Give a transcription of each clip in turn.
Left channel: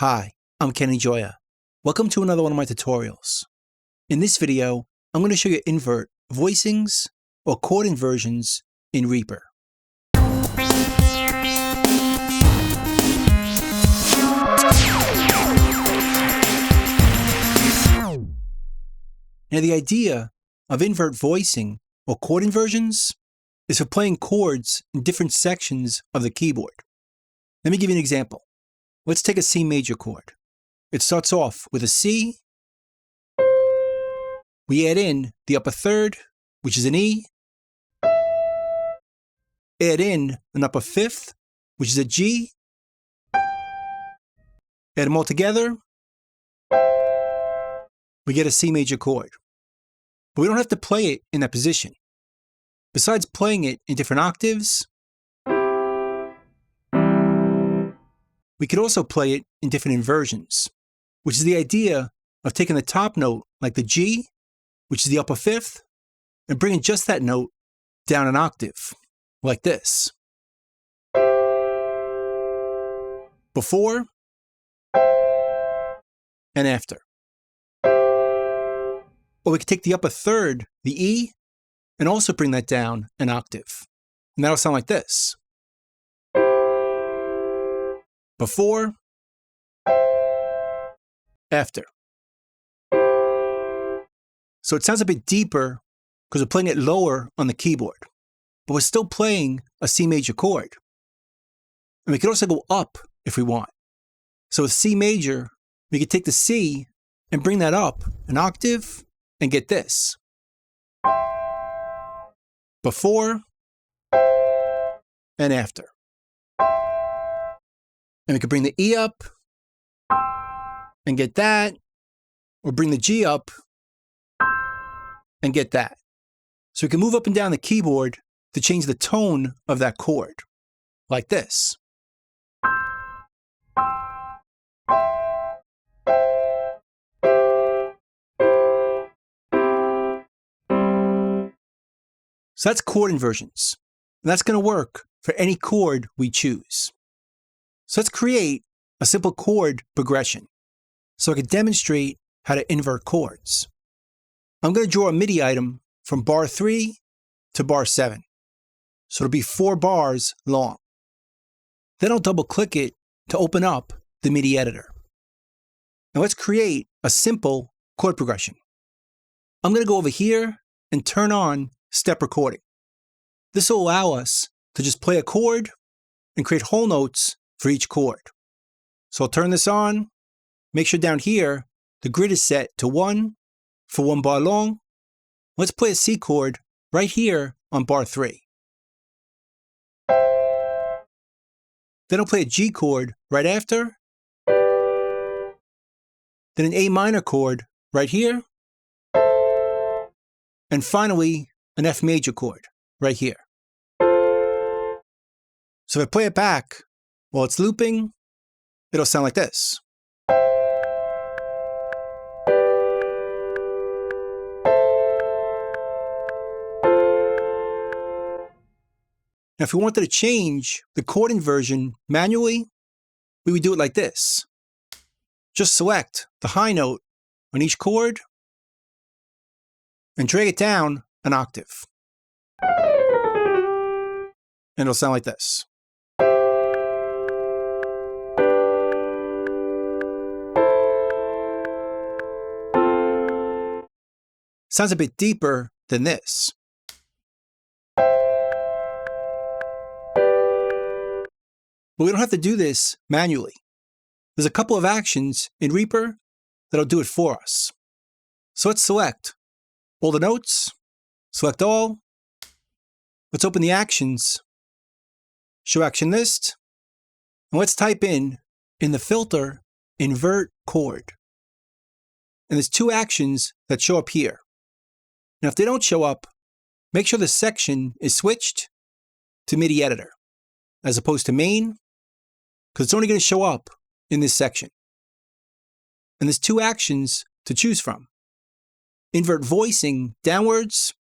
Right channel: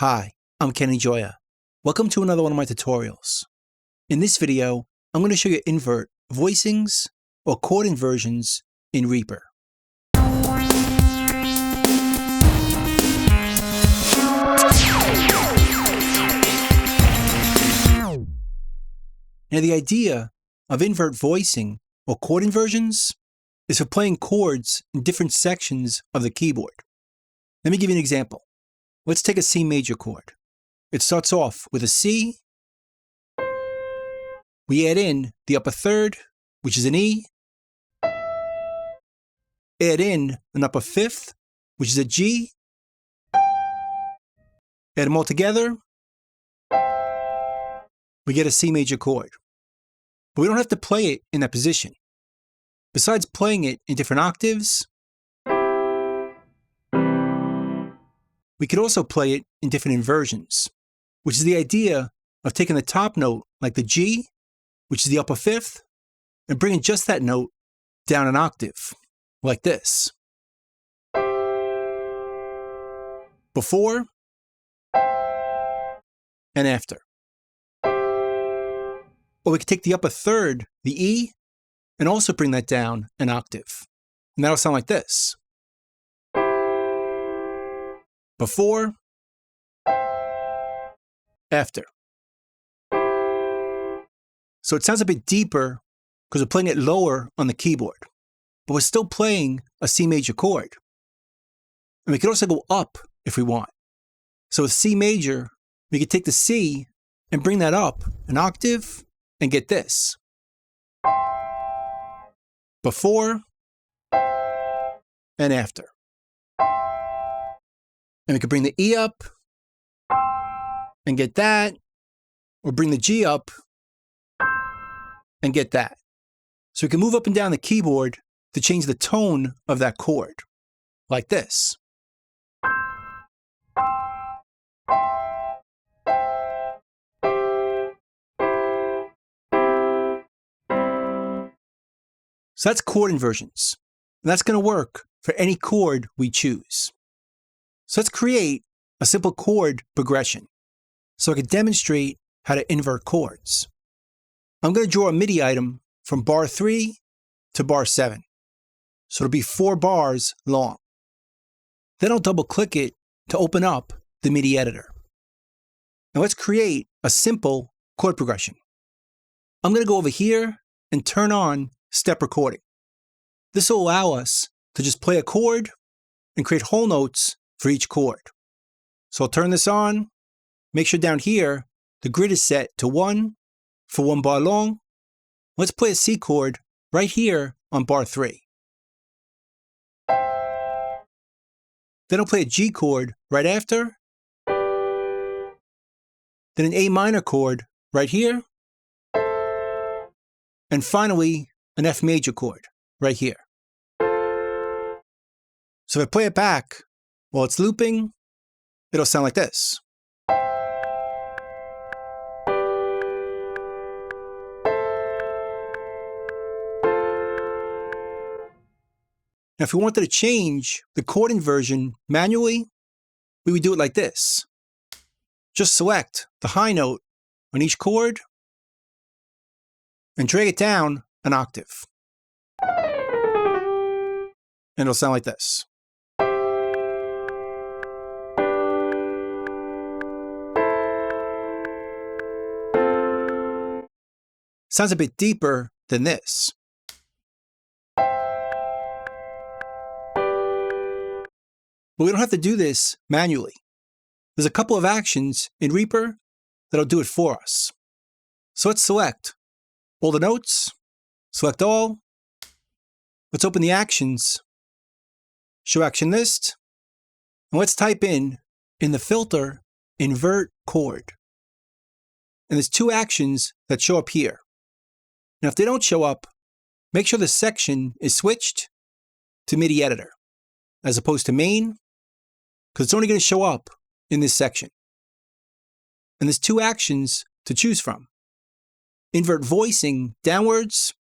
Hi, I'm Kenny Joya. Welcome to another one of my tutorials. In this video, I'm going to show you invert voicings or chord inversions in REAPER. Now the idea of invert voicing or chord inversions is for playing chords in different sections of the keyboard. Let me give you an example. Let's take a C major chord. It starts off with a C. We add in the upper third, which is an E. Add in an upper fifth, which is a G. Add them all together. We get a C major chord. But we don't have to play it in that position. Besides playing it in different octaves, we could also play it in different inversions, which is the idea of taking the top note, like the G, which is the upper fifth, and bringing just that note down an octave, like this. Before and after. Or we could take the upper third, the E, and also bring that down an octave. And that'll sound like this. Before, after. So it sounds a bit deeper because we're playing it lower on the keyboard, but we're still playing a C major chord. And we could also go up if we want. So with C major, we could take the C and bring that up an octave and get this. Before and after. And we could bring the E up and get that, or bring the G up and get that. So we can move up and down the keyboard to change the tone of that chord, like this. So that's chord inversions. And that's going to work for any chord we choose. So let's create a simple chord progression so I can demonstrate how to invert chords. I'm going to draw a MIDI item from bar 3 to bar 7. So it'll be 4 bars long. Then I'll double click it to open up the MIDI editor. Now let's create a simple chord progression. I'm going to go over here and turn on step recording. This will allow us to just play a chord and create whole notes for each chord. So I'll turn this on, make sure down here the grid is set to 1 for 1 bar long. Let's play a C chord right here on bar 3. Then I'll play a G chord right after, then an A minor chord right here, and finally an F major chord right here. So if I play it back while it's looping, it'll sound like this. Now, if we wanted to change the chord inversion manually, we would do it like this. Just select the high note on each chord and drag it down an octave. And it'll sound like this. Sounds a bit deeper than this. But we don't have to do this manually. There's a couple of actions in REAPER that'll do it for us. So let's select all the notes, select all. Let's open the actions, show action list, and let's type in the filter, invert chord. And there's 2 actions that show up here. Now if they don't show up, make sure the section is switched to MIDI editor as opposed to main, because it's only going to show up in this section. And there's 2 actions to choose from. Invert voicing downwards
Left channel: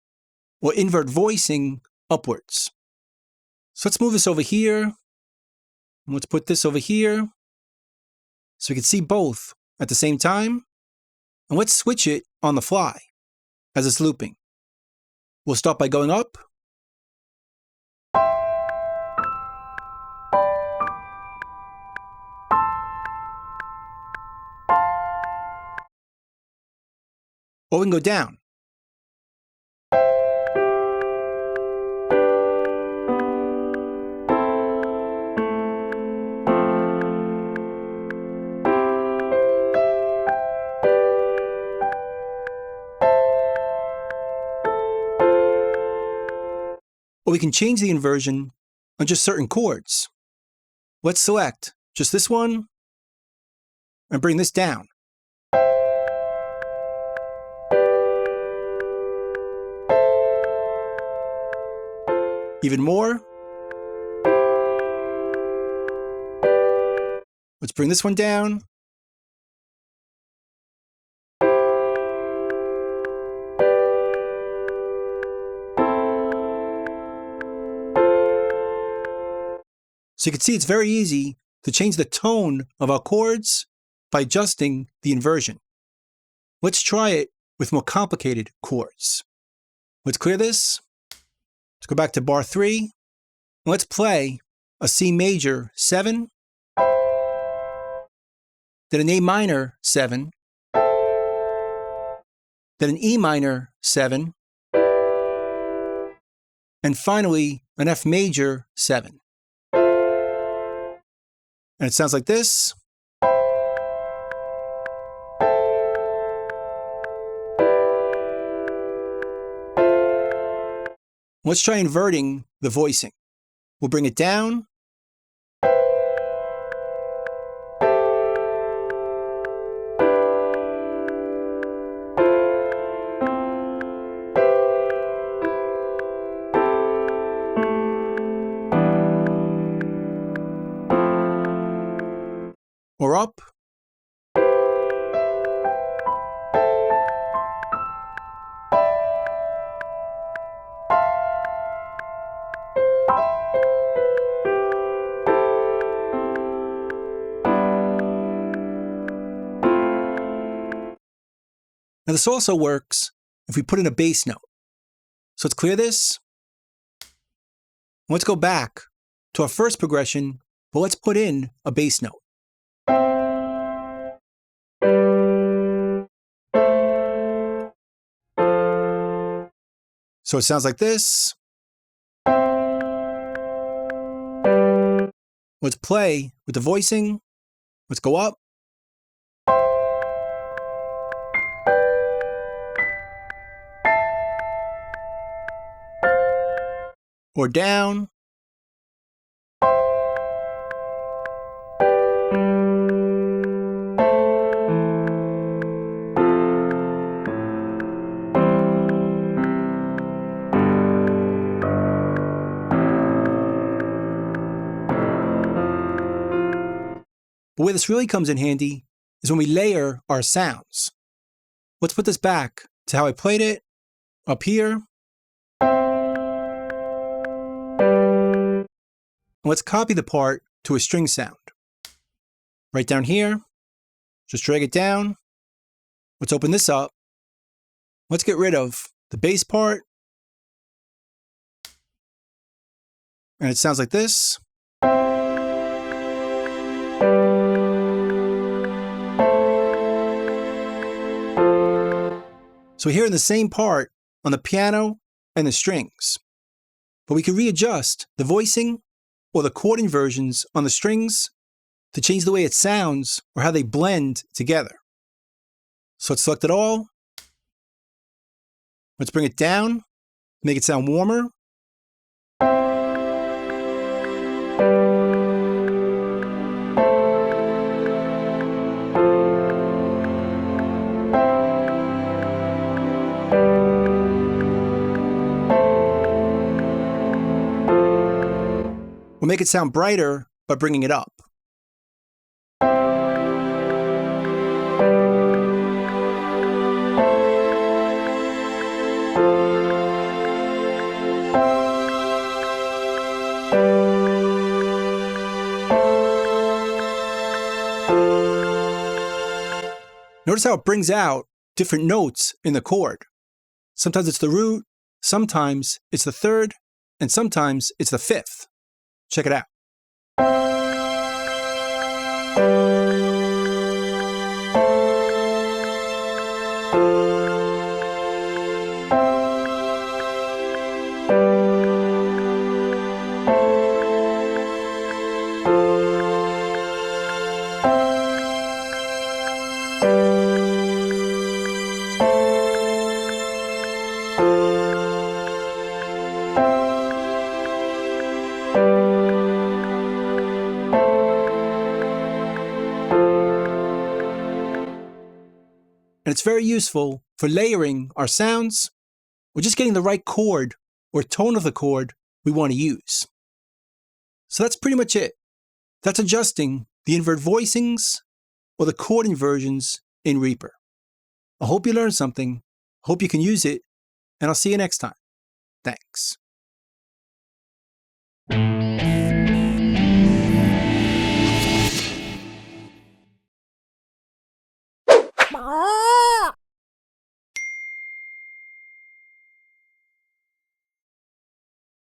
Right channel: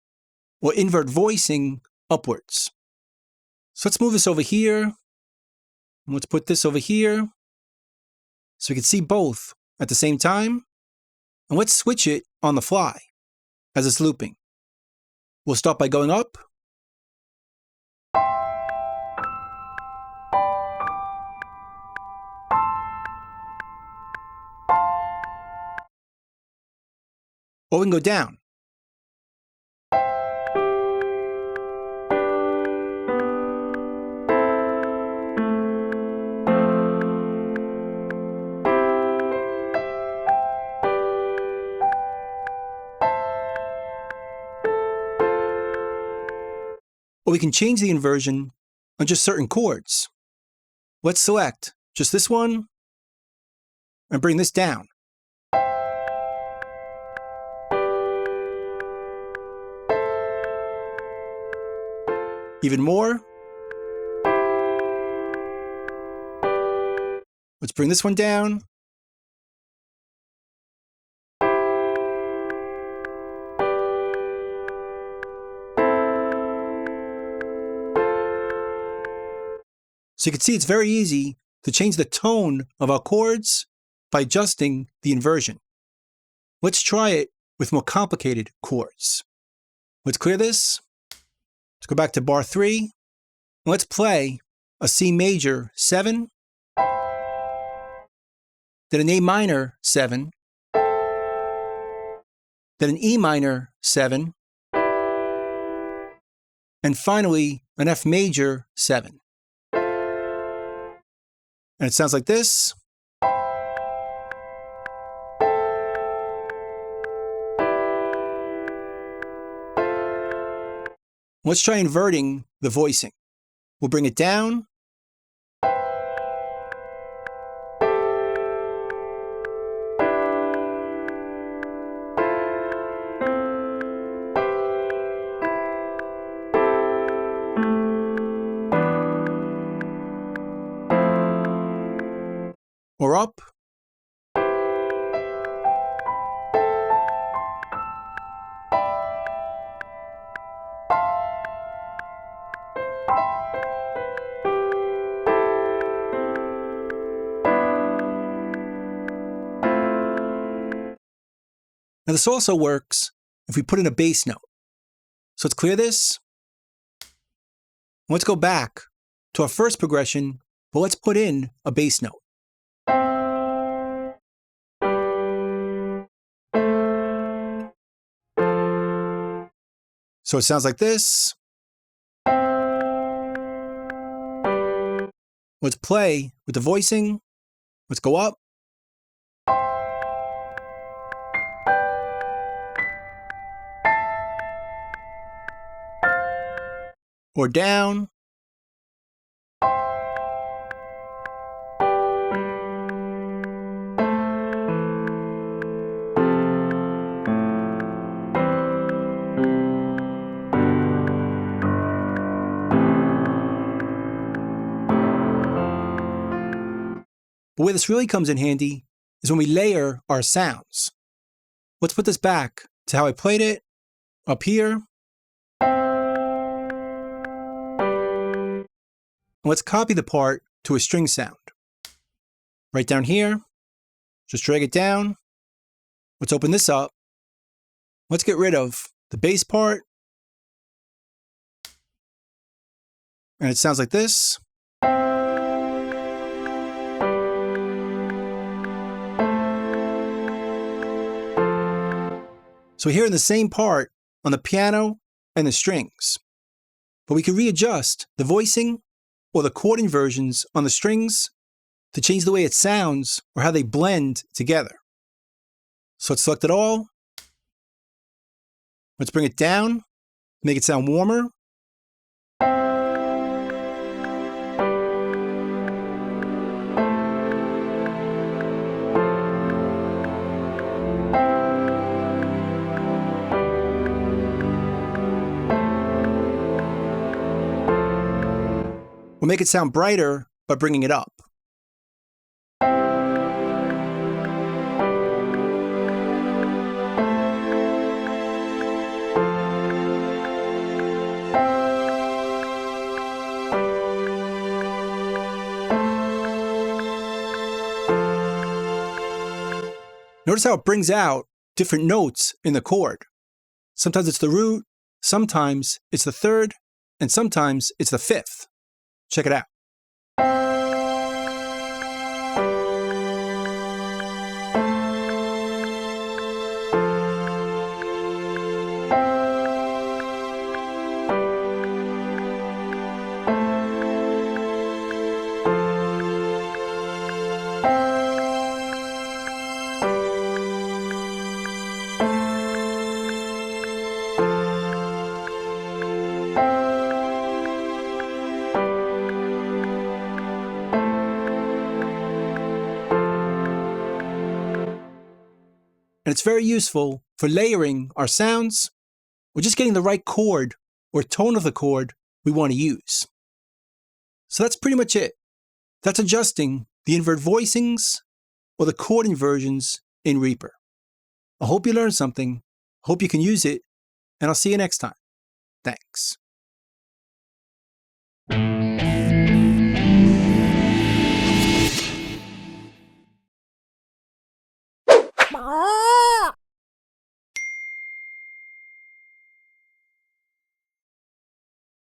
or invert voicing upwards. So let's move this over here. And let's put this over here. so we can see both at the same time. And let's switch it on the fly as it's looping. We'll start by going up. Or we can go down. Or we can change the inversion on just certain chords. Let's select just this one and bring this down. Even more. Let's bring this one down. So you can see it's very easy to change the tone of our chords by adjusting the inversion. Let's try it with more complicated chords. Let's clear this. Let's go back to bar 3. And let's play a C major 7, then an A minor 7, then an E minor 7, and finally an F major 7. And it sounds like this. Let's try inverting the voicing. We'll bring it down. Or up. Now this also works if we put in a bass note. So let's clear this. Let's go back to our first progression, but let's put in a bass note. So it sounds like this. Let's play with the voicing. Let's go up. Or down. But where this really comes in handy is when we layer our sounds. Let's put this back to how I played it, up here. And let's copy the part to a string sound. Right down here, just drag it down. Let's open this up. Let's get rid of the bass part. And it sounds like this. So we're hearing the same part on the piano and the strings, but we can readjust the voicing or the chord inversions on the strings to change the way it sounds or how they blend together. So let's select it all. Let's bring it down, make it sound warmer. We'll make it sound brighter by bringing it up. Notice how it brings out different notes in the chord. Sometimes it's the root, sometimes it's the third, and sometimes it's the fifth. Check it out. And it's very useful for layering our sounds or just getting the right chord or tone of the chord we want to use. So that's pretty much it. That's adjusting the invert voicings or the chord inversions in Reaper. I hope you learned something, hope you can use it, and I'll see you next time. Thanks.